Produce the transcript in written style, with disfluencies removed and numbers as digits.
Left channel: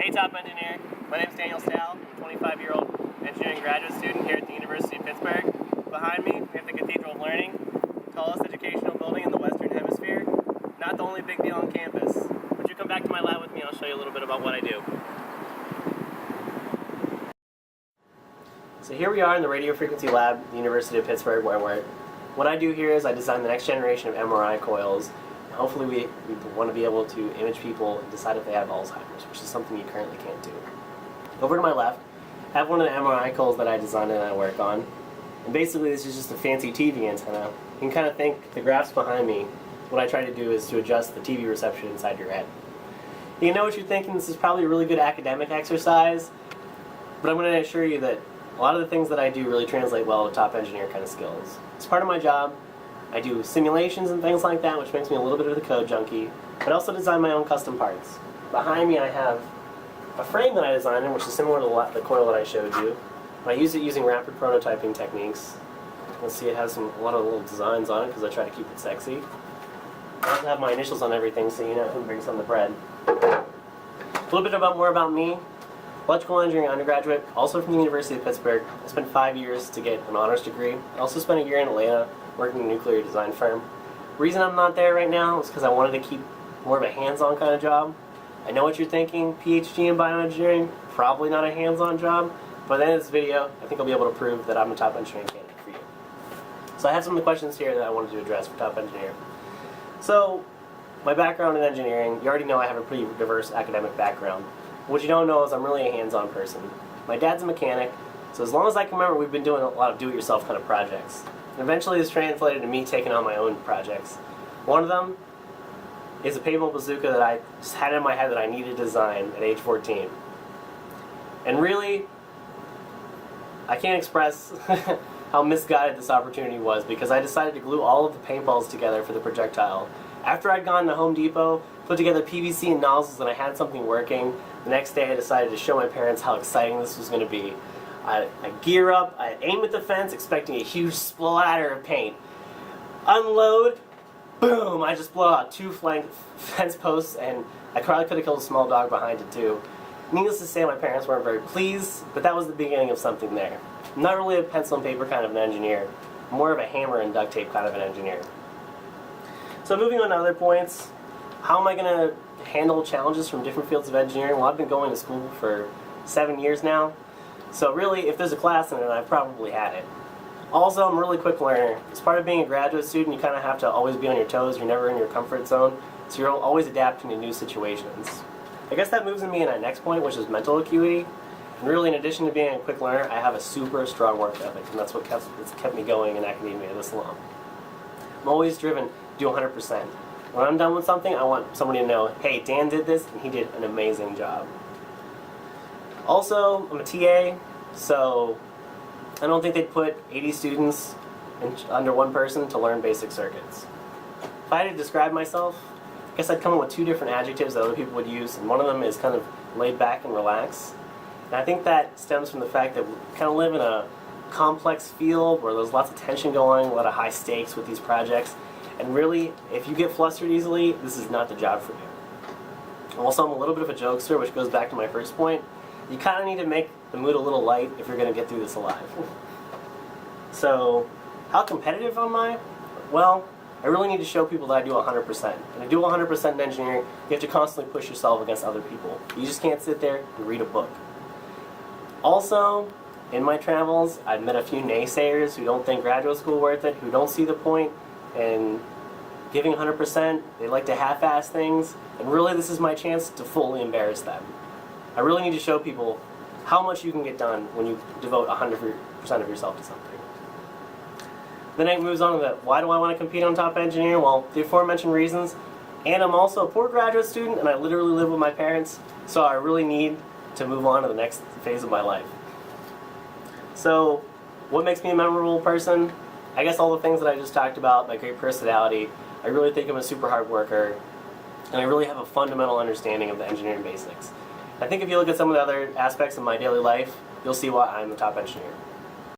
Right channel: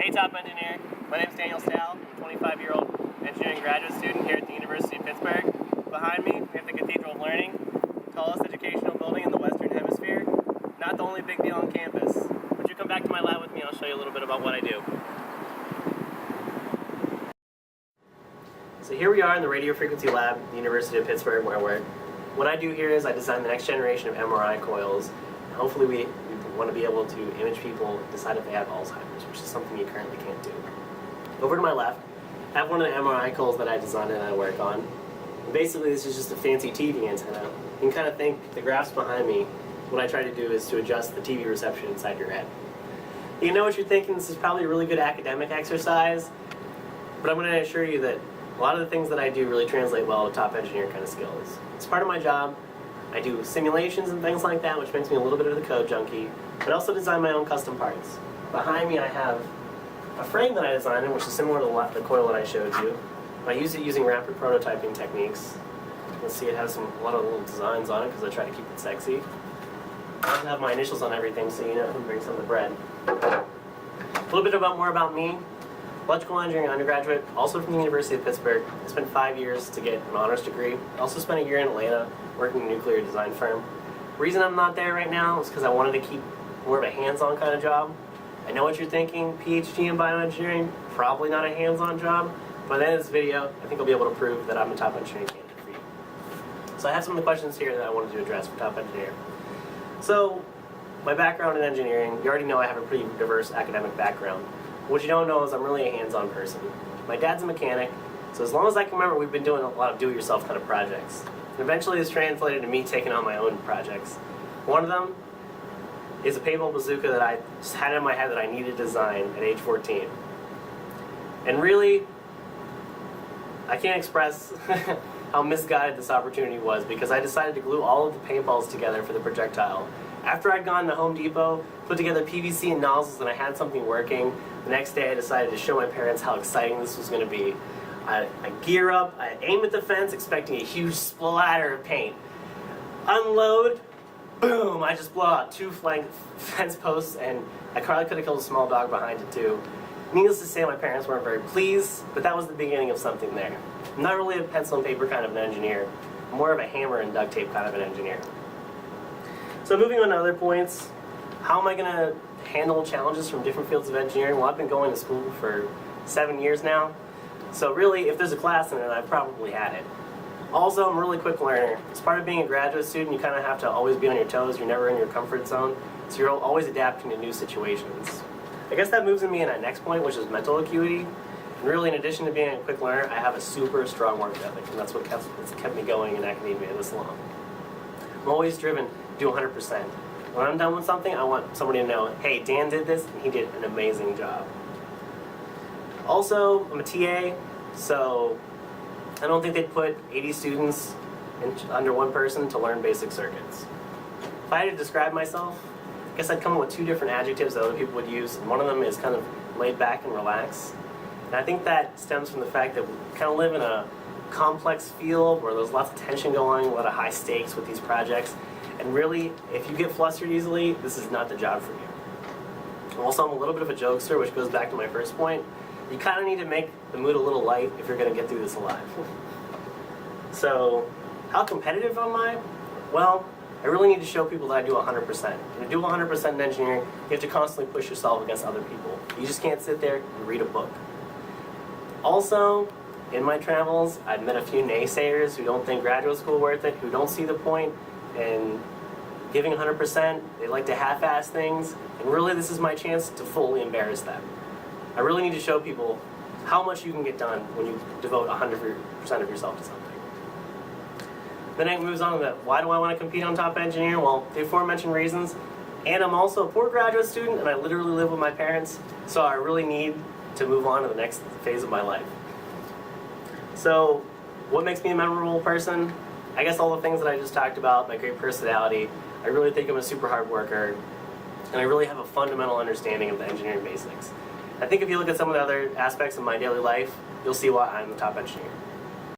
Hey Top Engineer, my name is Stough. I'm a 25-year-old engineering graduate student here at the University of Pittsburgh. Behind me, we have the Cathedral of Learning, tallest educational building in the Western Hemisphere. Not the only big deal on campus. Would you come back to my lab with me and I'll show you a little bit about what I do. So here we are in the radio frequency lab at the University of Pittsburgh where I work. What I do here is I design the next generation of MRI coils. And hopefully we want to be able to image people and decide if they have Alzheimer's, which is something you currently can't do. Over to my left, I have one of the MRI coils that I designed and I work on. And basically this is just a fancy TV antenna. You can kind of think the graphs behind me, what I try to do is to adjust the TV reception inside your head. You know what you're thinking, this is probably a really good academic exercise, but I'm going to assure you that a lot of the things that I do really translate well to top engineer kind of skills. As part of my job, I do simulations and things like that, which makes me a little bit of the code junkie, but also design my own custom parts. Behind me I have a frame that I designed, which is similar to the coil that I showed you. I use it using rapid prototyping techniques. You can see it has a lot of little designs on it because I try to keep it sexy. I also have my initials on everything so you know if I'm bringing some of the bread. A little bit more about me. Electrical engineering undergraduate, also from the University of Pittsburgh. I spent 5 years to get an honors degree. I also spent a year in Atlanta working in a nuclear design firm. The reason I'm not there right now is because I wanted to keep more of a hands-on kind of job. I know what you're thinking, PhD in bioengineering, probably not a hands-on job. By the end of this video, I think I'll be able to prove that I'm a top engineering candidate for you. So I have some of the questions here that I wanted to address for top engineer. So, my background in engineering, you already know I have a pretty diverse academic background. What you don't know is I'm really a hands-on person. My dad's a mechanic, so as long as I can remember, we've been doing a lot of do-it-yourself kind of projects. And eventually it's translated to me taking on my own projects. One of them is a paintball bazooka that I just had in my head that I needed to design at age 14. And really, I can't express how misguided this opportunity was because I decided to glue all of the paintballs together for the projectile. After I'd gone to Home Depot, put together PVC and nozzles, and I had something working, the next day I decided to show my parents how exciting this was going to be. I gear up, I aim at the fence, expecting a huge splatter of paint. Unload, boom, I just blow out 2 flank fence posts, and I probably could have killed a small dog behind it too. Needless to say, my parents weren't very pleased, but that was the beginning of something there. I'm not really a pencil and paper kind of an engineer, more of a hammer and duct tape kind of an engineer. So moving on to other points, how am I going to handle challenges from different fields of engineering? Well, I've been going to school for 7 years now, so really, if there's a class in it, I've probably had it. Also, I'm a really quick learner. As part of being a graduate student, you kind of have to always be on your toes. You're never in your comfort zone, so you're always adapting to new situations. I guess that moves me in that next point, which is mental acuity. And really, in addition to being a quick learner, I have a super strong work ethic, and that's what kept me going in academia this long. I'm always driven to do 100%. When I'm done with something, I want somebody to know, hey, Dan did this, and he did an amazing job. Also, I'm a TA, so I don't think they'd put 80 students under one person to learn basic circuits. If I had to describe myself, I guess I'd come up with 2 different adjectives that other people would use, and one of them is kind of laid back and relaxed. And I think that stems from the fact that we kind of live in a complex field where there's lots of tension going, a lot of high stakes with these projects, and really, if you get flustered easily, this is not the job for you. Also, I'm a little bit of a jokester, which goes back to my first point. You kind of need to make the mood a little light if you're going to get through this alive. So, how competitive am I? Well, I really need to show people that I do 100%. And to do 100% in engineering, you have to constantly push yourself against other people. You just can't sit there and read a book. Also, in my travels, I've met a few naysayers who don't think graduate school is worth it, who don't see the point in giving 100%. They like to half-ass things, and really this is my chance to fully embarrass them. I really need to show people how much you can get done when you devote 100% of yourself to something. Then it moves on to that, why do I want to compete on Top Engineer? Well, the aforementioned reasons, and I'm also a poor graduate student, and I literally live with my parents, so I really need to move on to the next phase of my life. So, what makes me a memorable person? I guess all the things that I just talked about, my great personality. I really think I'm a super hard worker, and I really have a fundamental understanding of the engineering basics. I think if you look at some of the other aspects of my daily life, you'll see why I'm the top engineer.